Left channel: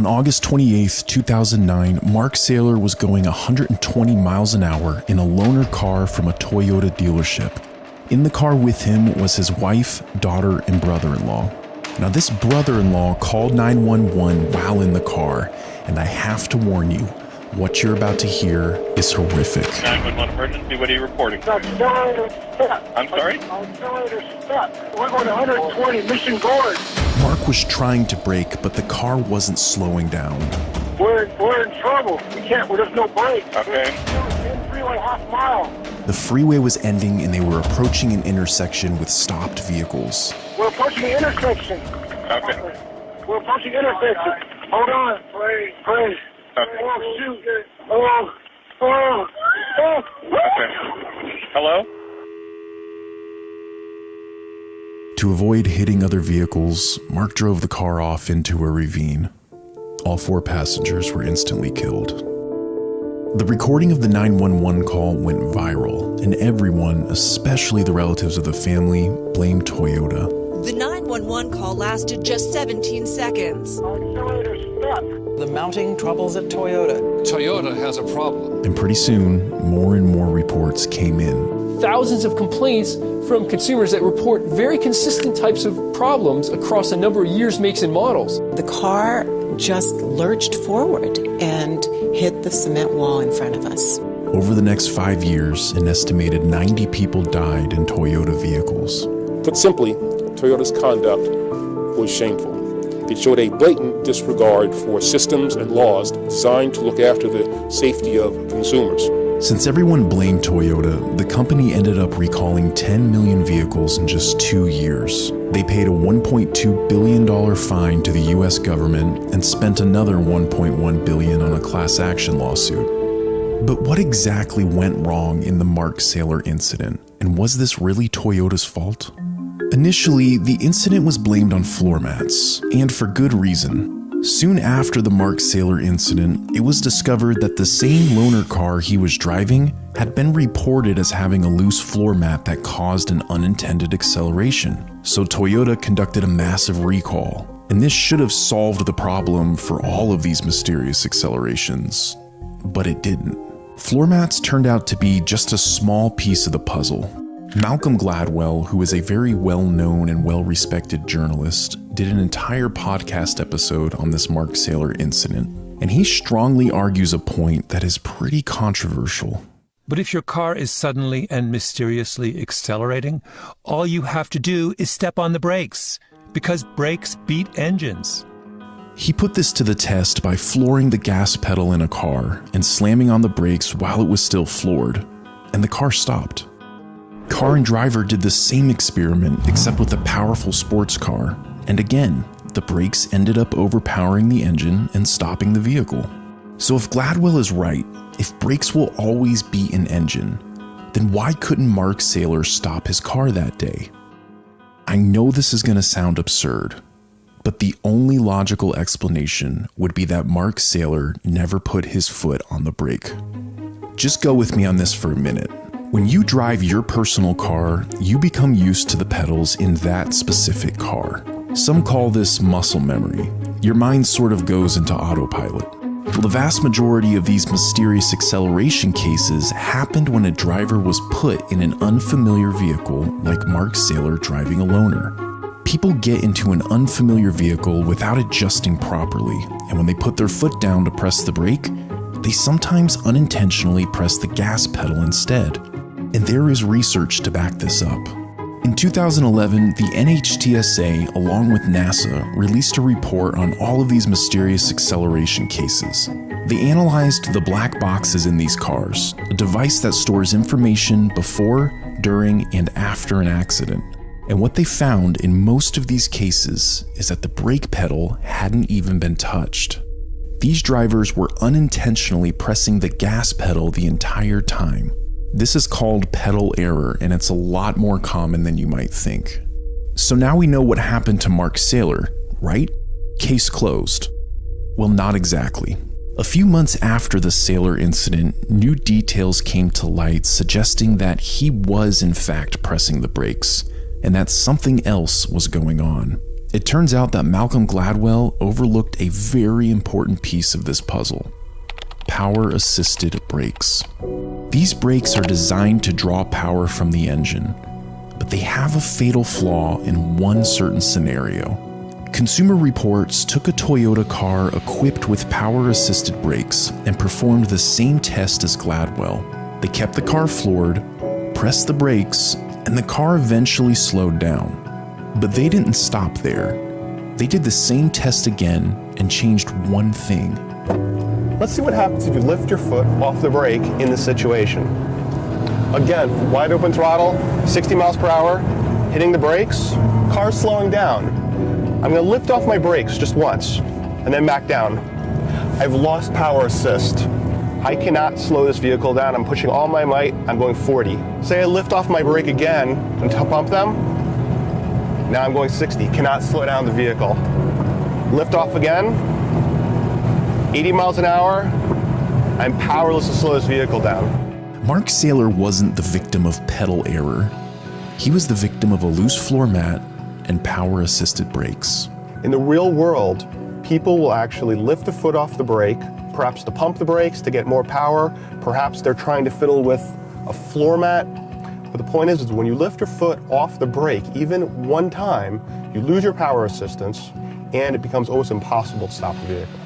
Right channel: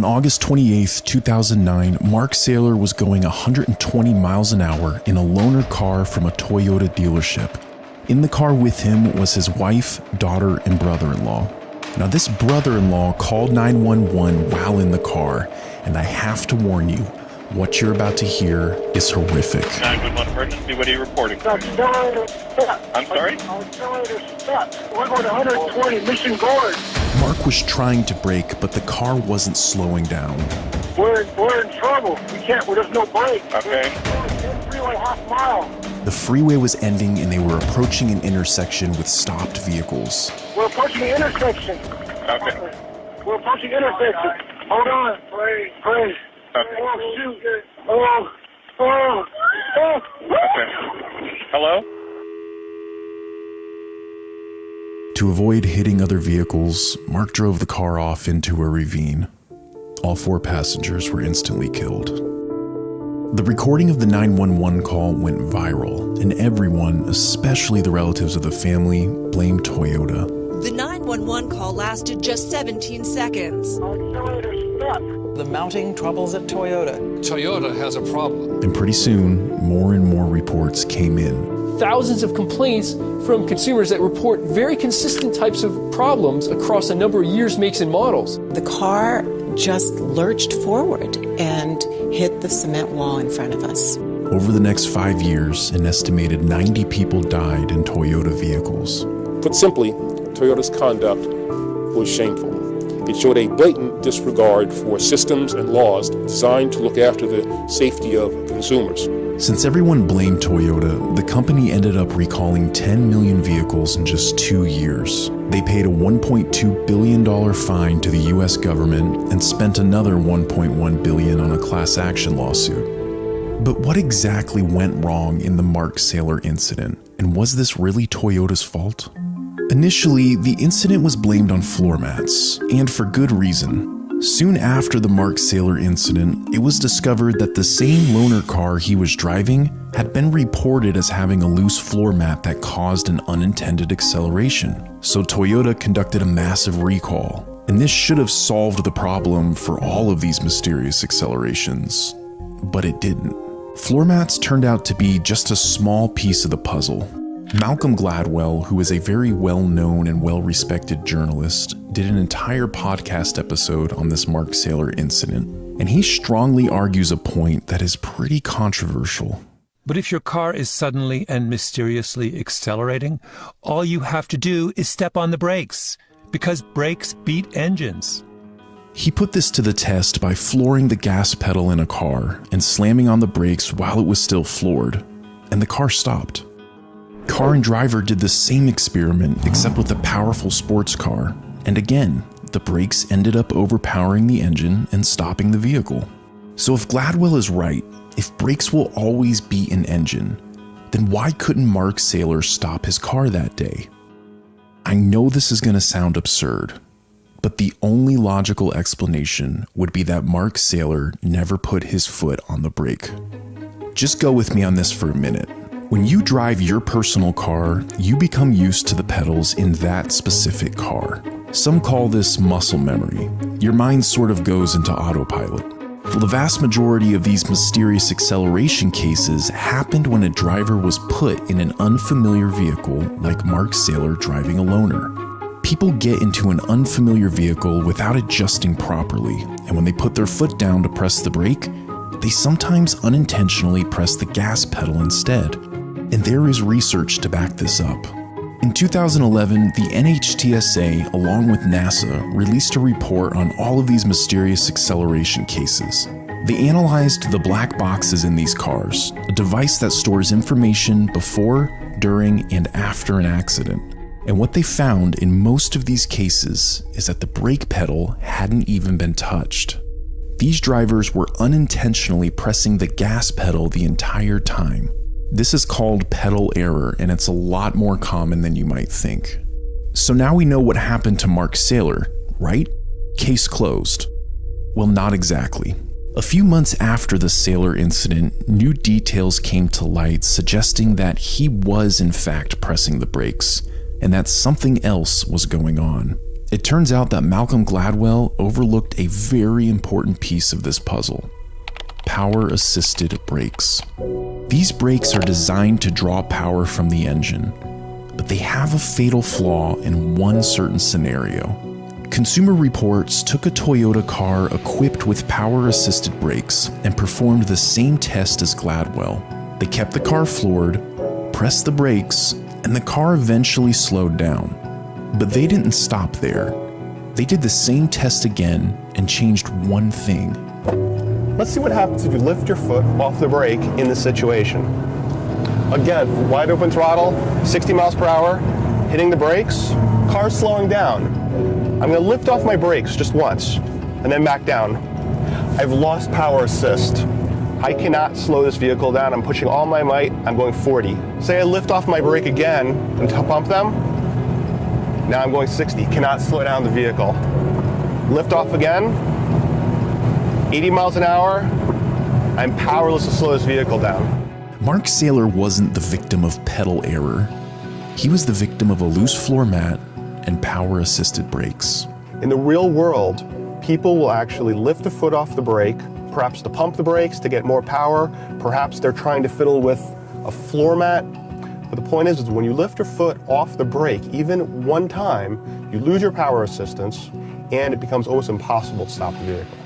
On August 28, 2009, Mark Saylor was going 120 miles an hour in a loaner car from a Toyota dealership. In the car with him was his wife, daughter, and brother-in-law. Now, this brother-in-law called 911 while in the car, and I have to warn you, what you're about to hear is horrific. 911 emergency, what are you reporting? I'm sorry? I'm trying to stop. We're on 120 Mission Gorge. Mark was trying to brake, but the car wasn't slowing down. We're in trouble. We can't, there's no brake. Okay. Freeway half mile. The freeway was ending and they were approaching an intersection with stopped vehicles. We're approaching the intersection. Okay. We're approaching the intersection. Hold on. Pray. Okay. Oh, shoot. Oh. Okay. Hello? To avoid hitting other vehicles, Mark drove the car off into a ravine. All 4 passengers were instantly killed. The recording of the 911 call went viral, and everyone, especially the relatives of the family, blamed Toyota. The 911 call lasted just 17 seconds. The mounting troubles at Toyota. Toyota has a problem. And pretty soon, more and more reports came in. Thousands of complaints from consumers that report very consistent types of problems across a number of years, makes, and models. The car just lurched forward and hit the cement wall in front of us. Over the next 5 years, an estimated 90 people died in Toyota vehicles. Put simply, Toyota's conduct was shameful. It showed a blatant disregard for systems and laws designed to look after the safety of consumers. Since everyone blamed Toyota, the company ended up recalling 10 million vehicles in just 2 years. They paid a $1.2 billion fine to the US government and spent another $1.1 billion on a class action lawsuit. But what exactly went wrong in the Mark Saylor incident? And was this really Toyota's fault? Initially, the incident was blamed on floor mats, and for good reason. Soon after the Mark Saylor incident, it was discovered that the same loaner car he was driving had been reported as having a loose floor mat that caused an unintended acceleration. So Toyota conducted a massive recall, and this should have solved the problem for all of these mysterious accelerations. But it didn't. Floor mats turned out to be just a small piece of the puzzle. Malcolm Gladwell, who is a very well-known and well-respected journalist, did an entire podcast episode on this Mark Saylor incident, and he strongly argues a point that is pretty controversial. But if your car is suddenly and mysteriously accelerating, all you have to do is step on the brakes, because brakes beat engines. He put this to the test by flooring the gas pedal in a car and slamming on the brakes while it was still floored, and the car stopped. Car and driver did the same experiment, except with a powerful sports car, and again, the brakes ended up overpowering the engine and stopping the vehicle. So if Gladwell is right, if brakes will always beat an engine, then why couldn't Mark Saylor stop his car that day? I know this is going to sound absurd, but the only logical explanation would be that Mark Saylor never put his foot on the brake. Just go with me on this for a minute. When you drive your personal car, you become used to the pedals in that specific car. Some call this muscle memory. Your mind sort of goes into autopilot. The vast majority of these mysterious acceleration cases happened when a driver was put in an unfamiliar vehicle, like Mark Saylor driving a loaner. People get into an unfamiliar vehicle without adjusting properly, and when they put their foot down to press the brake, they sometimes unintentionally press the gas pedal instead. And there is research to back this up. In 2011, the NHTSA, along with NASA, released a report on all of these mysterious acceleration cases. They analyzed the black boxes in these cars, a device that stores information before, during, and after an accident. And what they found in most of these cases is that the brake pedal hadn't even been touched. These drivers were unintentionally pressing the gas pedal the entire time. This is called pedal error, and it's a lot more common than you might think. So now we know what happened to Mark Saylor, right? Case closed. Well, not exactly. A few months after the Saylor incident, new details came to light suggesting that he was in fact pressing the brakes, and that something else was going on. It turns out that Malcolm Gladwell overlooked a very important piece of this puzzle: power-assisted brakes. These brakes are designed to draw power from the engine, but they have a fatal flaw in one certain scenario. Consumer Reports took a Toyota car equipped with power-assisted brakes and performed the same test as Gladwell. They kept the car floored, pressed the brakes, and the car eventually slowed down. But they didn't stop there. They did the same test again and changed one thing. Let's see what happens if you lift your foot off the brake in this situation. Again, wide open throttle, 60 miles per hour, hitting the brakes, car's slowing down. I'm going to lift off my brakes just once and then back down. I've lost power assist. I cannot slow this vehicle down. I'm pushing all my might. I'm going 40. Say I lift off my brake again and pump them. Now I'm going 60. Cannot slow down the vehicle. Lift off again. 80 miles an hour. I'm powerless to slow this vehicle down. Mark Saylor wasn't the victim of pedal error. He was the victim of a loose floor mat and power-assisted brakes. In the real world, people will actually lift a foot off the brake, perhaps to pump the brakes to get more power, perhaps they're trying to fiddle with a floor mat. But the point is when you lift your foot off the brake, even one time, you lose your power assistance and it becomes almost impossible to stop the vehicle.